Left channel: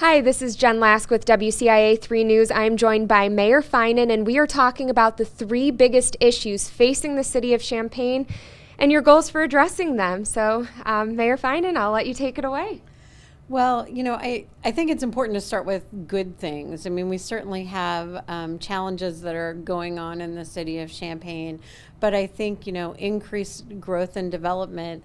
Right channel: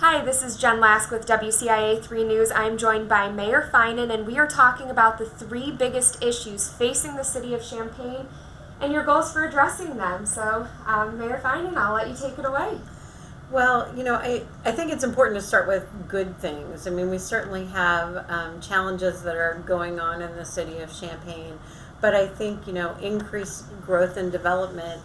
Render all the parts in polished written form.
Hi, this is Jen Lask with WCIA 3 News. I am joined by Mayor Finan, and we are talking about the three biggest issues facing the city of Champaign and your goals for addressing them. So, Mayor Finan, I'll let you take it away. Well, I think it's important to start with good things. I mean, we certainly have challenges that are going on in the city of Champaign, but I think, increased growth and development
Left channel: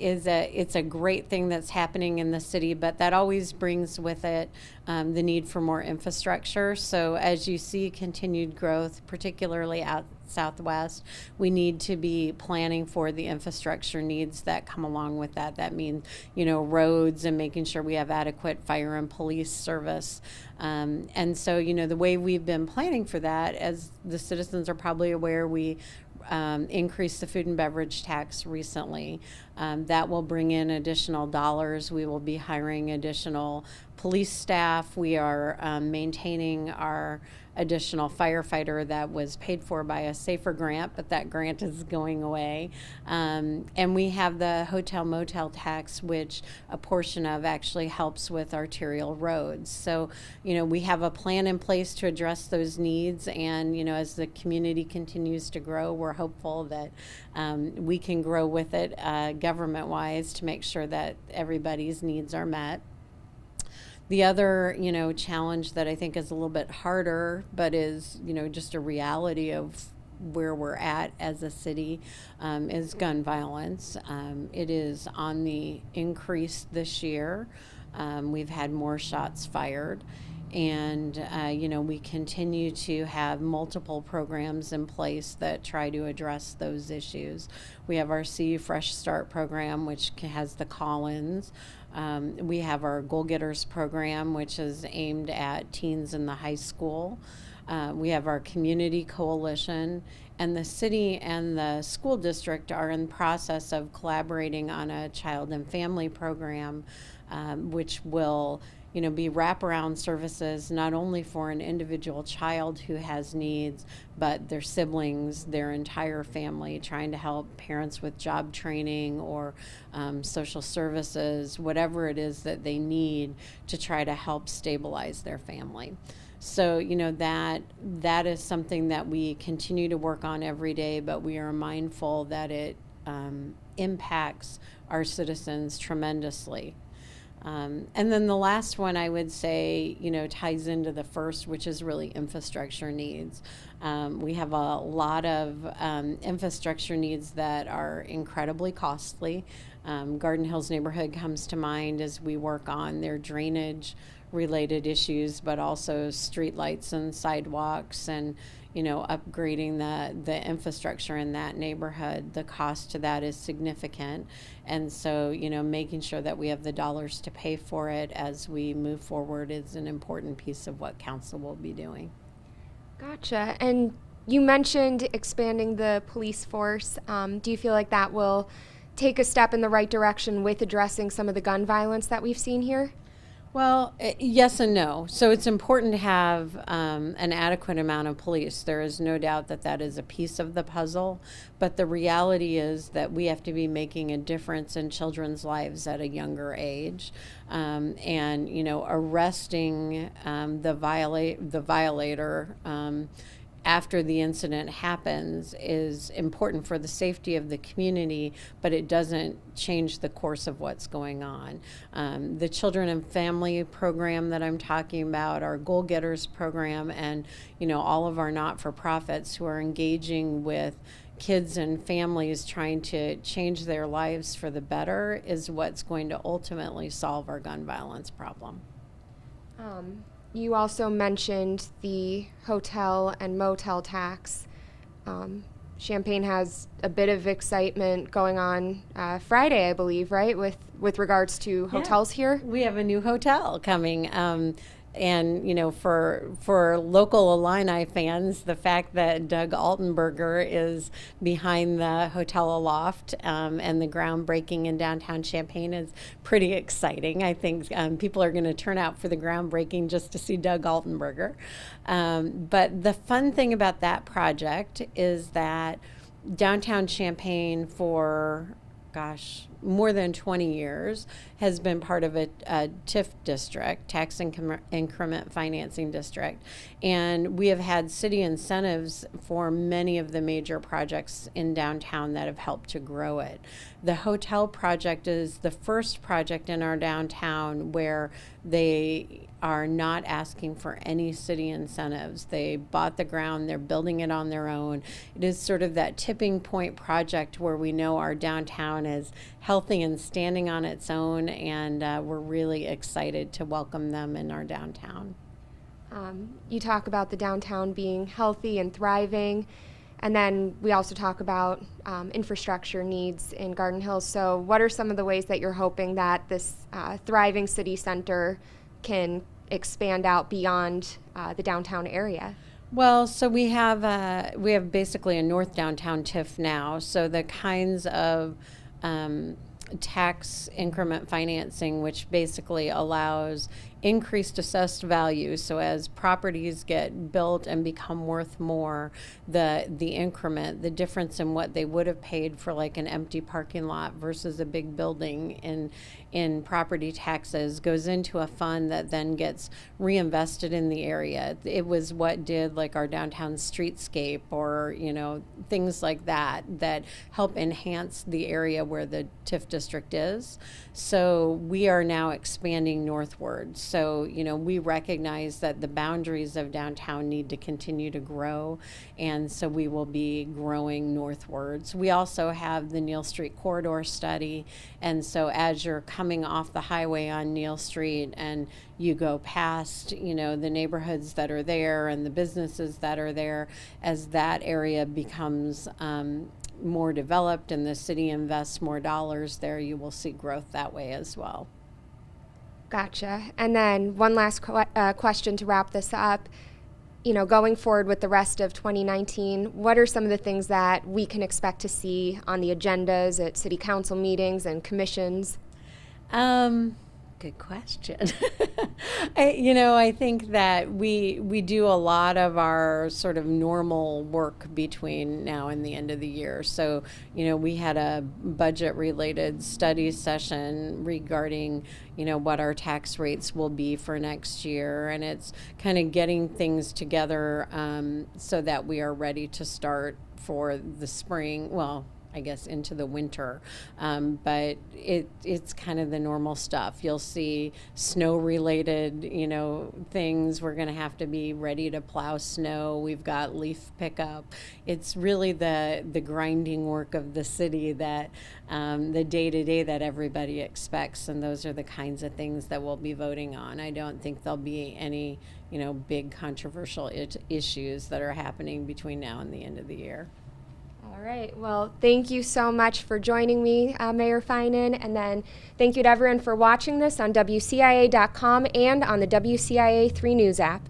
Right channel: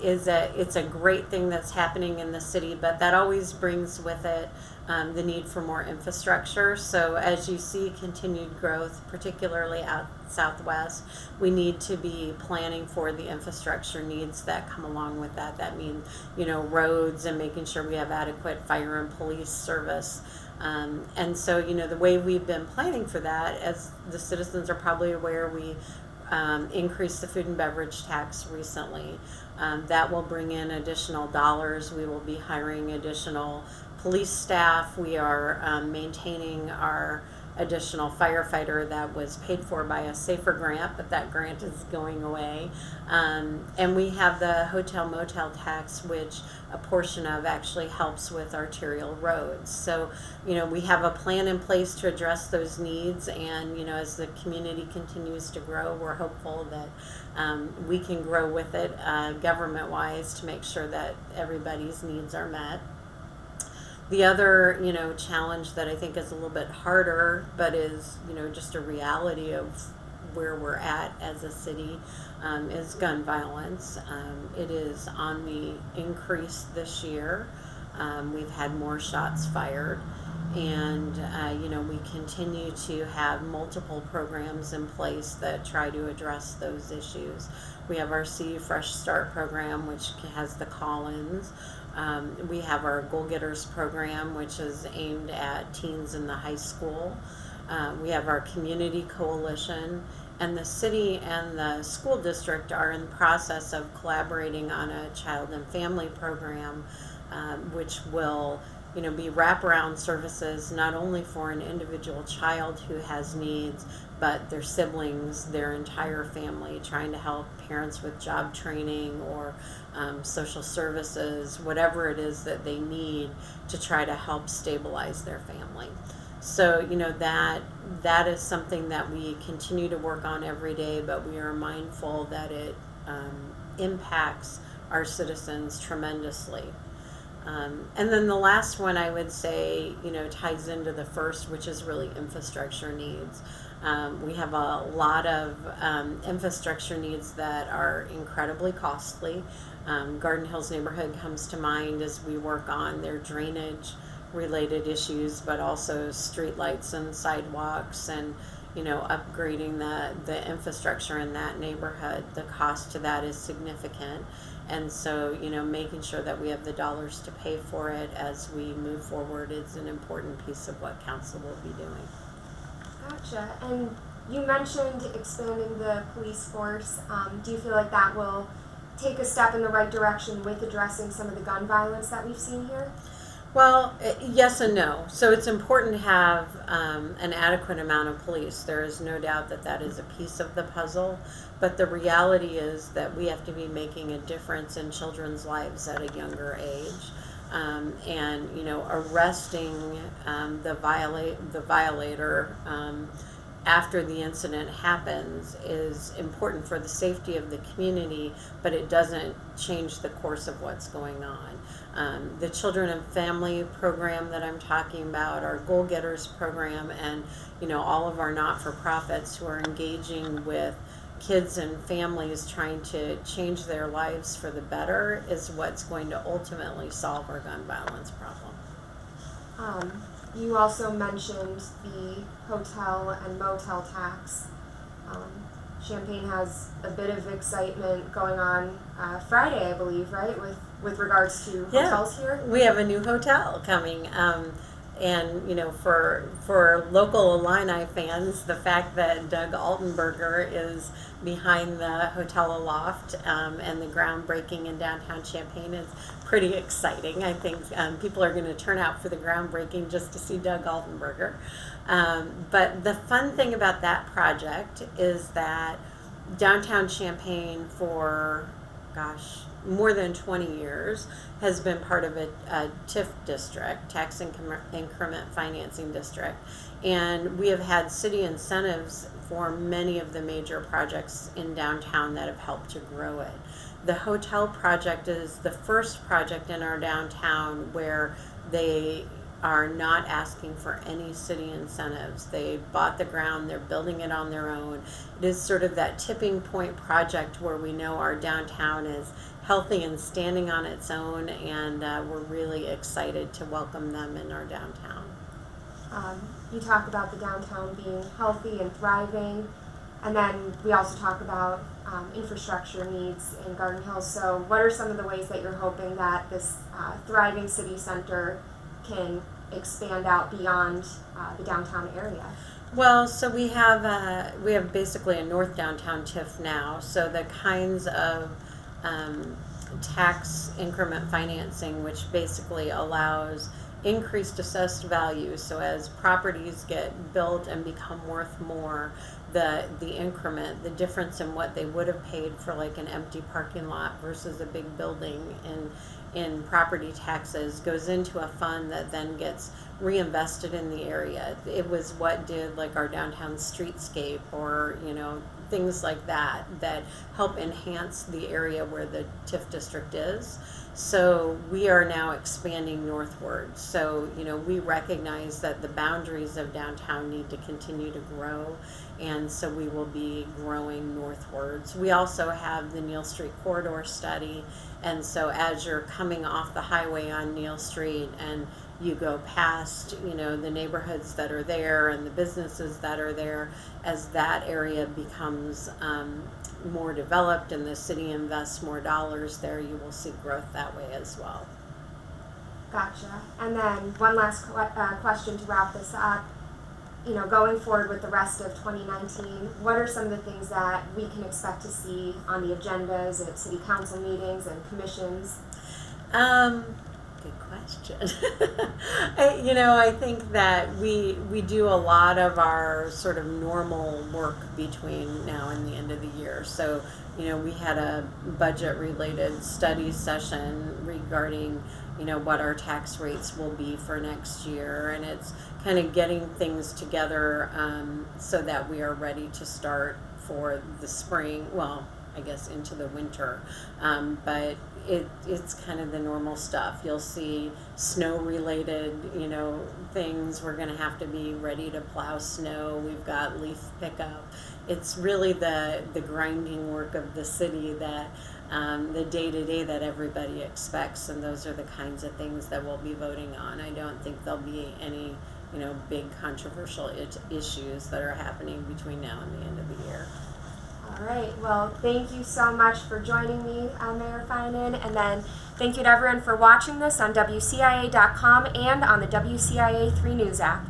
it's a great thing that's happening in the city, but that always brings with it the need for more infrastructure. So as you see continued growth, particularly out southwest, we need to be planning for the infrastructure needs that come along with that. That means, roads and making sure we have adequate fire and police service. And so, the way we've been planning for that, as the citizens are probably aware, we increased the food and beverage tax recently. That will bring in additional dollars. We will be hiring additional police staff. We are maintaining our additional firefighter that was paid for by a SAFER grant, but that grant is going away. And we have the hotel motel tax, which a portion of actually helps with arterial roads. So, we have a plan in place to address those needs. And, as the community continues to grow, we're hopeful that we can grow with it government wise to make sure that everybody's needs are met. The other, challenge that I think is a little bit harder, but is, just a reality of where we're at as a city, is gun violence. It is on the increase this year. We've had more shots fired. And, we continue to have multiple programs in place that try to address those issues. We have our See Fresh Start program, which has the call-ins. We have our Goal Getters program, which is aimed at teens in the high school. We have our community coalition, and the city and the school district are in the process of collaborating on a child and family program, which will be wraparound services not only for an individual child who has needs, but their siblings, their entire family, trying to help parents with job training or social services, whatever it is that they need to try to help stabilize their family. So, that is something that we continue to work on every day, but we are mindful that it impacts our citizens tremendously. And then the last one I would say, ties into the first, which is really infrastructure needs. We have a lot of infrastructure needs that are incredibly costly. Garden Hills neighborhood comes to mind as we work on their drainage related issues, but also streetlights and sidewalks and upgrading the infrastructure in that neighborhood. The cost to that is significant. And so, making sure that we have the dollars to pay for it as we move forward is an important piece of what council will be doing. Gotcha. And you mentioned expanding the police force. Do you feel like that will take a step in the right direction with addressing some of the gun violence that we've seen here? Well, yes and no. So it's important to have an adequate amount of police. There is no doubt that that is a piece of the puzzle. But the reality is that we have to be making a difference in children's lives at a younger age. And, arresting the violator after the incident happens is important for the safety of the community, but it doesn't change the course of what's going on. The Children and Family program that I'm talking about, our Goal Getters program, and all of our not-for-profits who are engaging with kids and families trying to change their lives for the better is what's going to ultimately solve our gun violence problem. You also mentioned the hotel and motel tax. Champaign has a bit of excitement going on Friday, I believe, right, with regards to hotels here? We have a new hotel coming. And for local Illini fans, the fact that Doug Altenberger is behind the Hotel Aloft and the groundbreaking in downtown Champaign is pretty exciting. I think people are going to turn out for the groundbreaking just to see Doug Altenberger. But the fun thing about that project is that downtown Champaign for more than 20 years, has been part of a TIF district, tax increment financing district. And we have had city incentives for many of the major projects in downtown that have helped to grow it. The hotel project is the first project in our downtown where they are not asking for any city incentives. They bought the ground, they're building it on their own. It is sort of that tipping point project where we know our downtown is healthy and standing on its own, and we're really excited to welcome them in our downtown. You talk about the downtown being healthy and thriving, and then we also talk about infrastructure needs in Garden Hills. So what are some of the ways that you're hoping that this thriving city center can expand out beyond the downtown area? Well, so we have basically a North Downtown TIF now. So the kinds of tax increment financing, which basically allows increased assessed value. So as properties get built and become worth more, the increment, the difference in what they would have paid for like an empty parking lot versus a big building in property taxes goes into a fund that then gets reinvested in the area. It was what did like our downtown streetscape, or things like that help enhance the area where the TIF district is. So we are now expanding northward. So, we recognize that the boundaries of downtown need to continue to grow, and so we will be growing northwards. We also have the Neal Street Corridor study, and so as you're coming off the highway on Neal Street and you go past, the neighborhoods that are there and the businesses that are there, as that area becomes more developed and the city invests more dollars there, you will see growth that way as well. Gotcha. And then one last question to wrap this up. Going forward with the rest of 2019, what are some of the things that we can expect to see on the agendas at city council meetings and commissions? Good question. I think that we do a lot of our sort of normal work between now and the end of the year. So, we had a budget-related study session regarding, what our tax rates will be for next year. And it's kind of getting things together so that we are ready to start for the spring. Well, I guess into the winter, but it's kind of the normal stuff. You'll see snow-related, things. We're going to have to be ready to plow snow. We've got leaf pickup. It's really the grinding work of the city that the day-to-day that everybody expects, and those are the kinds of things that we'll be voting on. I don't think there'll be any, big controversial issues that are happening between now and the end of the year. All right. Well, thank you so much for joining me, Mayor Finan. And then thank you to everyone for watching this on WCIA.com and on the WCIA 3 News app.